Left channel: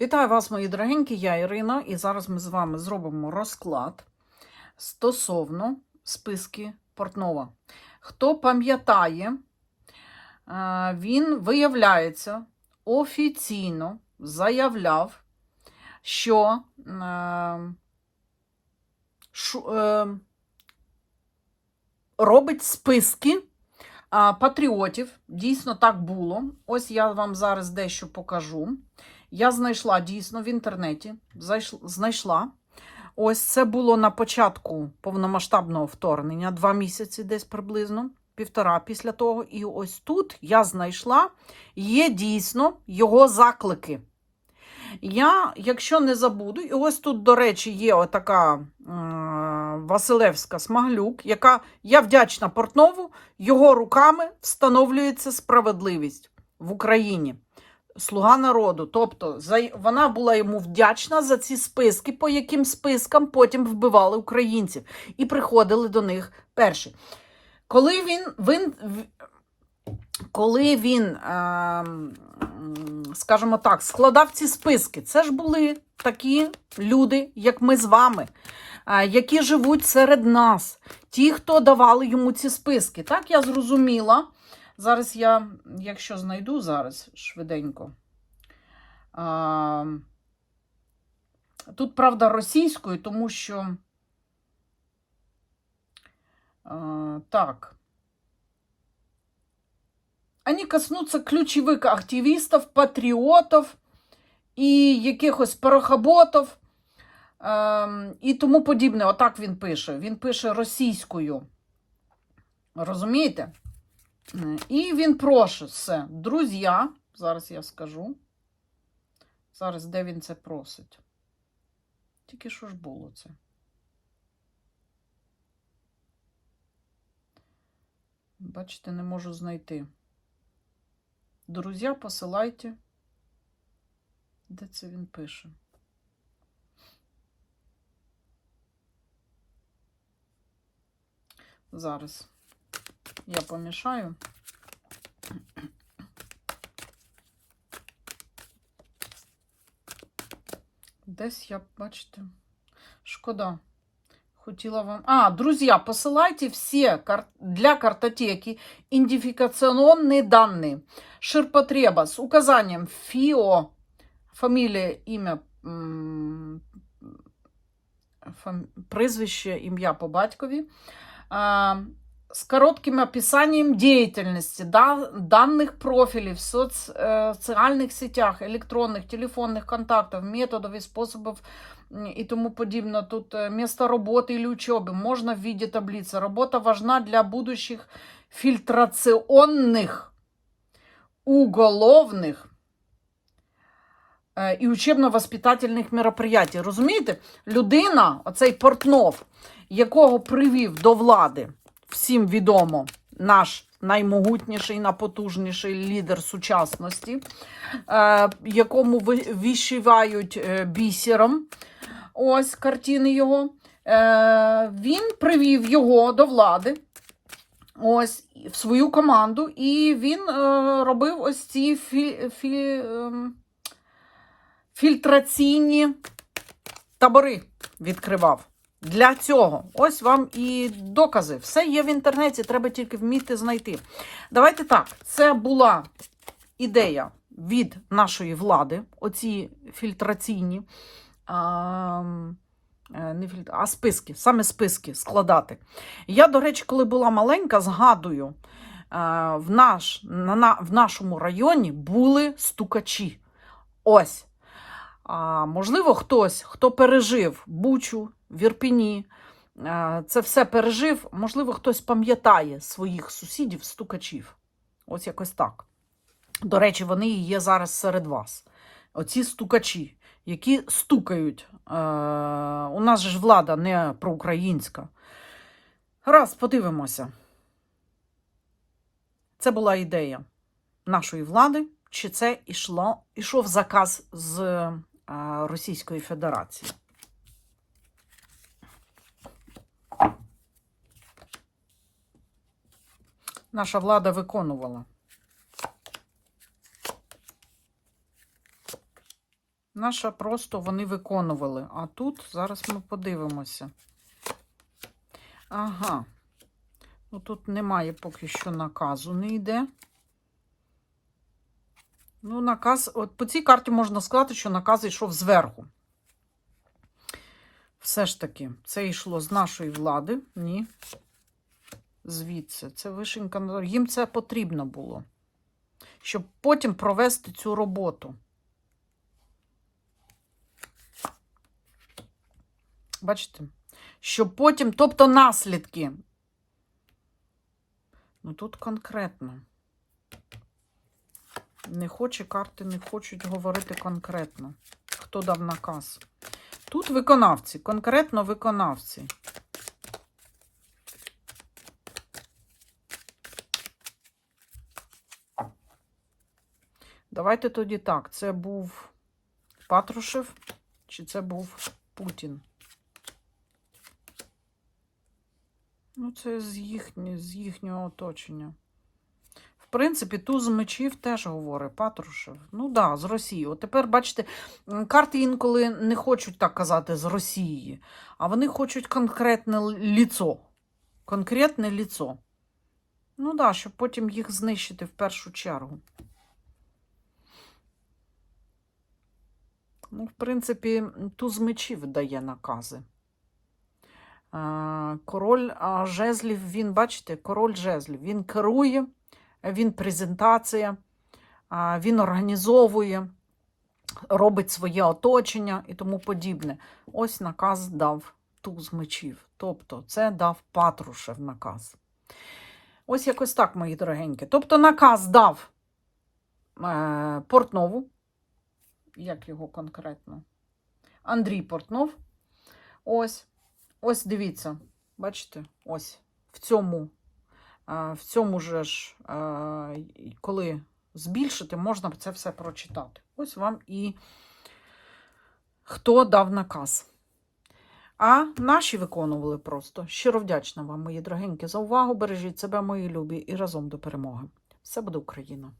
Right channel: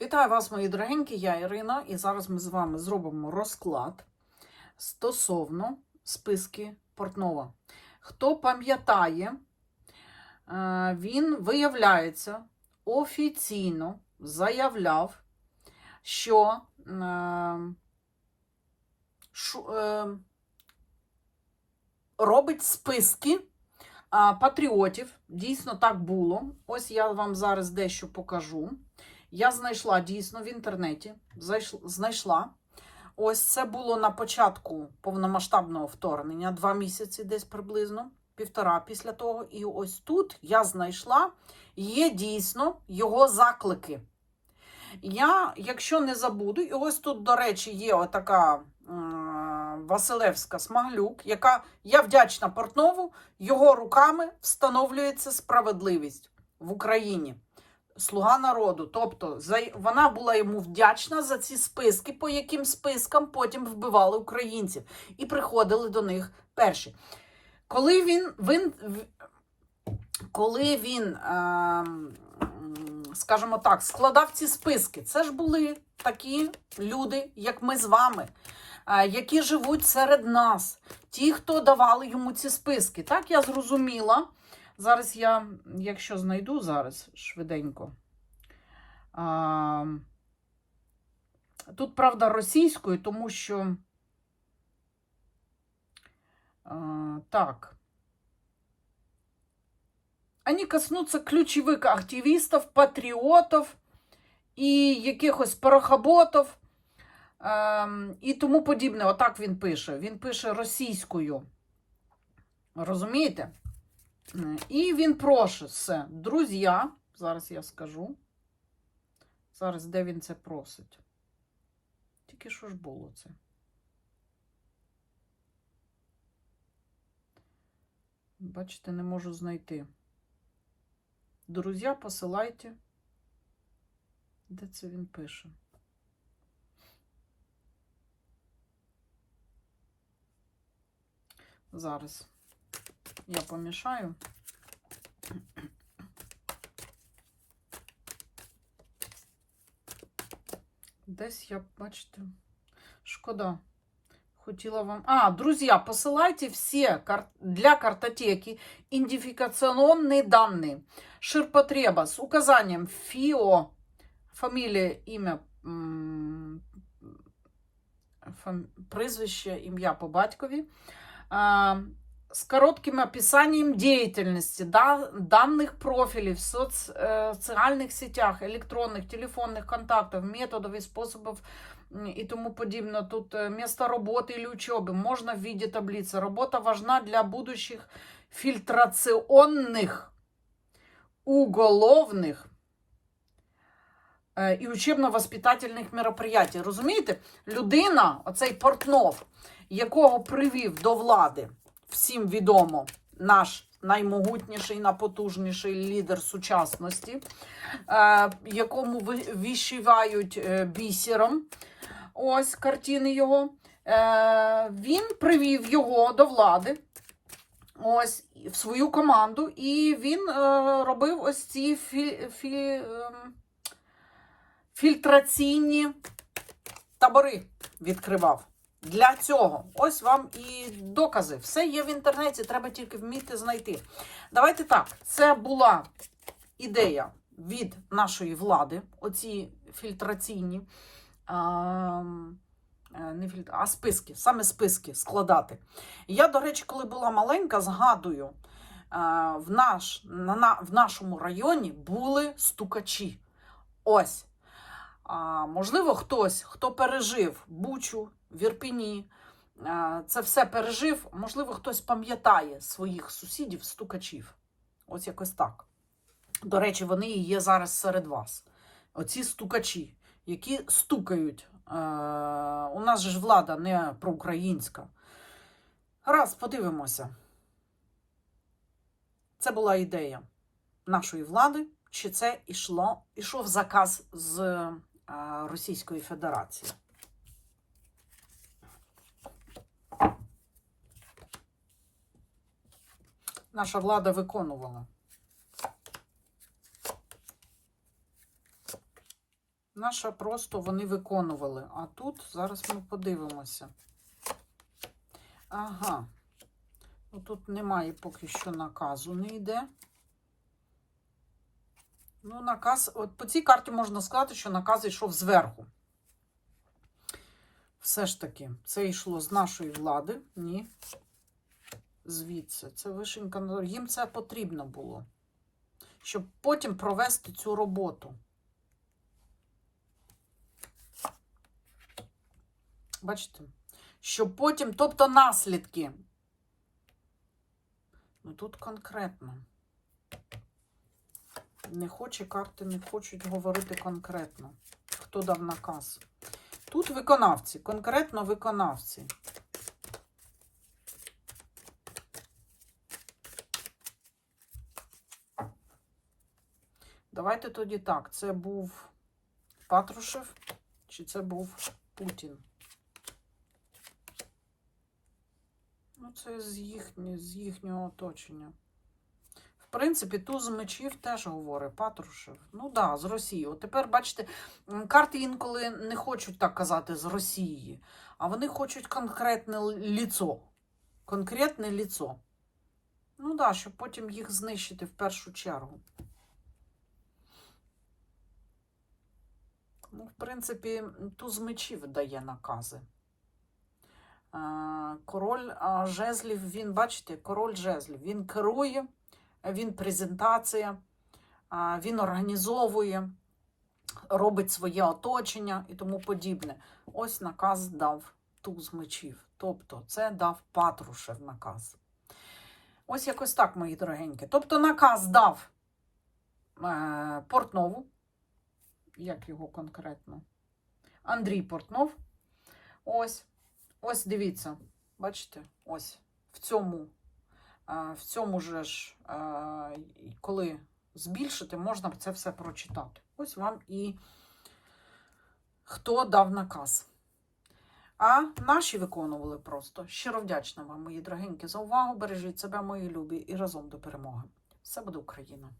Вітаю вас, мої дорогенькі, я Ірина, і зараз ми з вами зробимо розклад стосовно списки Портнова. Хто пам'ятає, е, він, виявляється, офіційно заявляв, що е, е, робить списки патріотів. Дійсно так було. Ось я вам зараз дещо покажу. Я знайшла дійсно в інтернеті. Знайшла. Ось це було на початку повномасштабного вторгнення, два місяці десь приблизно, півтора після того. І ось тут я знайшла, є дійсно його заклики. Я, якщо не забуду, і ось тут, до речі, є отака е, Василевська Смаглюк, яка я вдячна Портнову, його руками встановлюється справедливість в Україні. Слуга народу. Тобто за- вона була йому вдячна за ці списки, по яким спискам потім вбивали українців і приходили до них перші. Коли він, він, коли він, ем, скажімо так, складав ці списки, це ж були такі люди, як ми з вами, е, які живуть серед нас, ті, хто давали йому ці списки. Так я зрозуміла. Зараз я, якщо знайду зараз швиденько. А, тут, правда, російською, тому що. А, так. Они коснуться ключових активістів, патріотів і якихось порохоботів і тому подібне. Отак він пише. Він пише російською. Розумієте? І він просить все. Друзі, зараз я скажу. Зараз де він це просить? Тільки що ж було це? Бачите, не можу знайти. Друзі, посилайте. Де це він пише? Зараз я помішаю. Десь я, бачите, шкода. Хотіла вам. А, друзі, посилайте всі кар... для картотеки идентификационные данные. Ширпотреба с указанием ФИО, фамилия, ім'я, фам... прізвище, ім'я по батькові А, с коротким описанием деятельности, да, данных профилей в соц, э, социальных сетях, электронных, телефонных контактов, методов и способов м, и тому подобное. Тут э, место работы или учебы можно в виде таблицы. Работа важна для будущих фильтрационных, уголовных е, і учебно-воспитательних мероприятий. Розумієте? Людина, оцей Портнов, якого привів до влади, всім відомо, наш наймогутніший, найпотужніший лідер сучасності, е, якому ви- вишивають е, бісером. Ось картини його. Е, він привів його до влади. Ось в свою команду, і він е, робив ось ці фі, фі, ем, фільтраційні табори відкривав. Для цього. Ось вам і докази. Все є в інтернеті, треба тільки вміти знайти. Давайте так, це була ідея від нашої влади, оці фільтраційні. А, не фільтр, а списки, саме списки складати. Я, до речі, коли була маленька, згадую, е, в, наш, на, на, в нашому районі були стукачі. Ось. А, можливо, хтось, хто пережив Бучу, в Ірпіні, е, це все пережив, можливо, хтось пам'ятає своїх сусідів, стукачів. Ось якось так. До речі, вони і є зараз серед вас. Оці стукачі, які стукають. Е, у нас ж влада не проукраїнська. Раз, подивимося. Це була ідея нашої влади, чи це ішло, ішов заказ з е, Російської Федерації. Наша влада виконувала. Наша просто вони виконували. А тут зараз ми подивимося. Ага. Ну, тут немає поки що наказу, не йде. Ну, наказ, от по цій карті можна сказати, що наказ йшов зверху. Все ж таки, це йшло з нашої влади. Ні. Звідси. Це вишенька. на- Їм це потрібно було. Щоб потім провести цю роботу. Бачите? Щоб потім, тобто наслідки. Ну тут конкретно. Не хоче карти, не хочуть говорити конкретно. Хто дав наказ? Тут виконавці, конкретно виконавці. Давайте тоді так. Це був Патрушев чи це був Путін? Ну, це з, їхні, з їхнього оточення. В принципі, туз мечів теж говорить Патрушев. Ну так, да, з Росії. От тепер, бачите, карти інколи не хочуть так казати з Росії, а вони хочуть конкретне ліцо. Конкретне ліцо. Ну так, да, щоб потім їх знищити в першу чергу. Ну, в принципі, туз мечів дає накази. Е, Король жезлів, він, бачите, король жезлів, він керує, він презентація, він організовує, робить своє оточення і тому подібне. Ось наказ дав туз мечів. Тобто це дав Патрушев наказ. Ось якось так, мої дорогенькі. Тобто наказ дав е, Портнову, як його конкретно? Андрій Портнов. Ось. Ось дивіться, бачите, ось в цьому, в цьому же ж, коли збільшити, можна це все прочитати. Ось вам і хто дав наказ. А наші виконували просто. Щиро вдячна вам, мої дорогенькі, за увагу. Бережіть себе, мої любі, і разом до перемоги. Все буде Україна!